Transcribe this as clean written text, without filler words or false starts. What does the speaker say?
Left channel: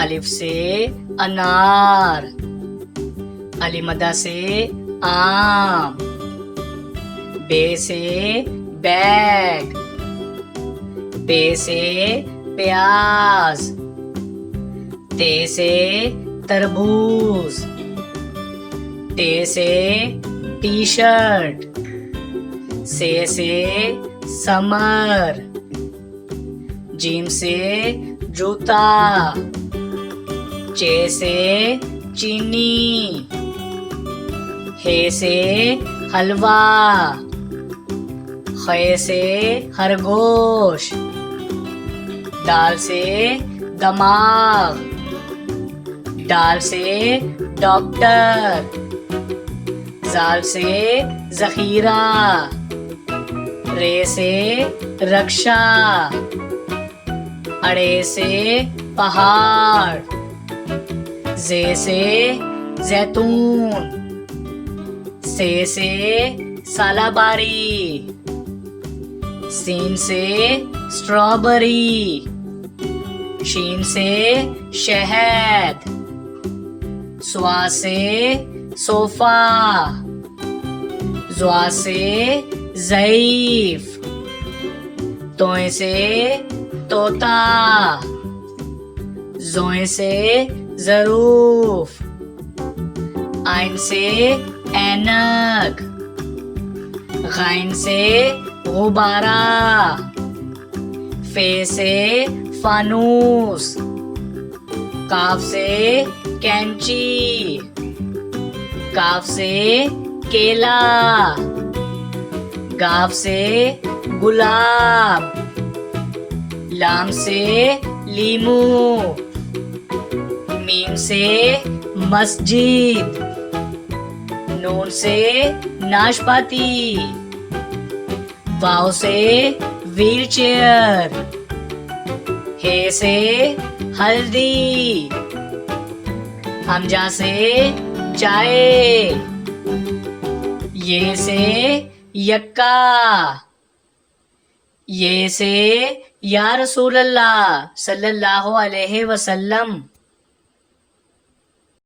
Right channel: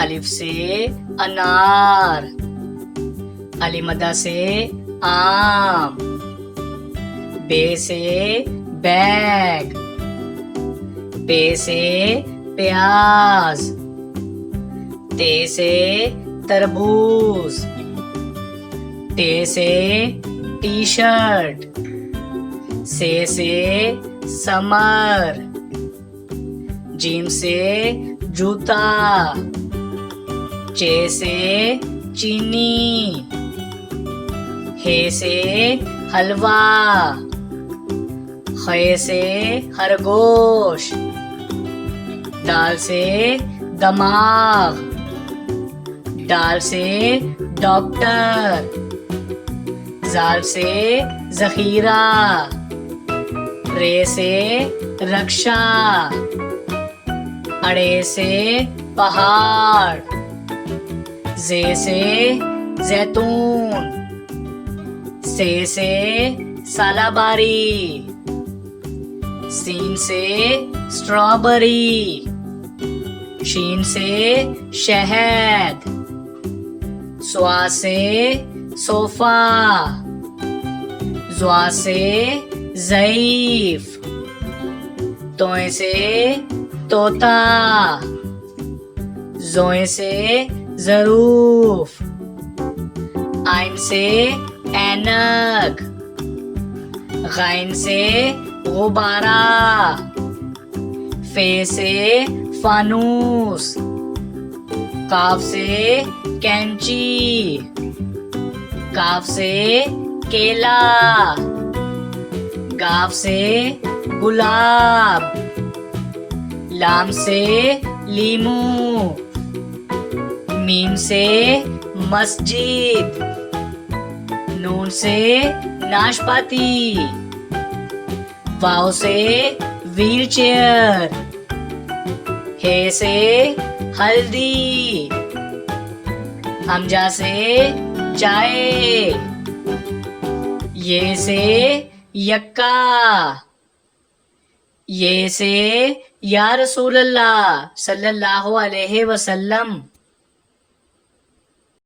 अलिफ से अनार, अलिमदा से आम, बे से बैग, पे से प्याज, ते से तरबूज, टे से टी शर्ट, से समर, जीम से जूता, चे से चीनी, हे से हलवा, खे से खरगोश, दाल से दमाग, डाल से डॉक्टर, जाल से जखीरा, रे से रक्षा, अड़े से पहाड़, जे से जैतून, से सालाबारी, सीन से स्ट्रॉबेरी, शीन से शहद, स्वा से सोफा, ज़्वा से ज़ईफ, तोए से तोता, ज़ोए से ज़रूफ, आइन से ऐनक, गैन से गुब्बारा, फे से फानूस, काफ से कैंची, काफ से केला, गाफ से गुलाब, लाम से लीमू, मीम से मस्जिद, नून से नाशपाती, वाव से व्हील चेयर, हे से हल्दी, हमजा से चाय, ये से यक्का, ये से या रसूल अल्लाह सल्लल्लाहु अलैहि वसल्लम।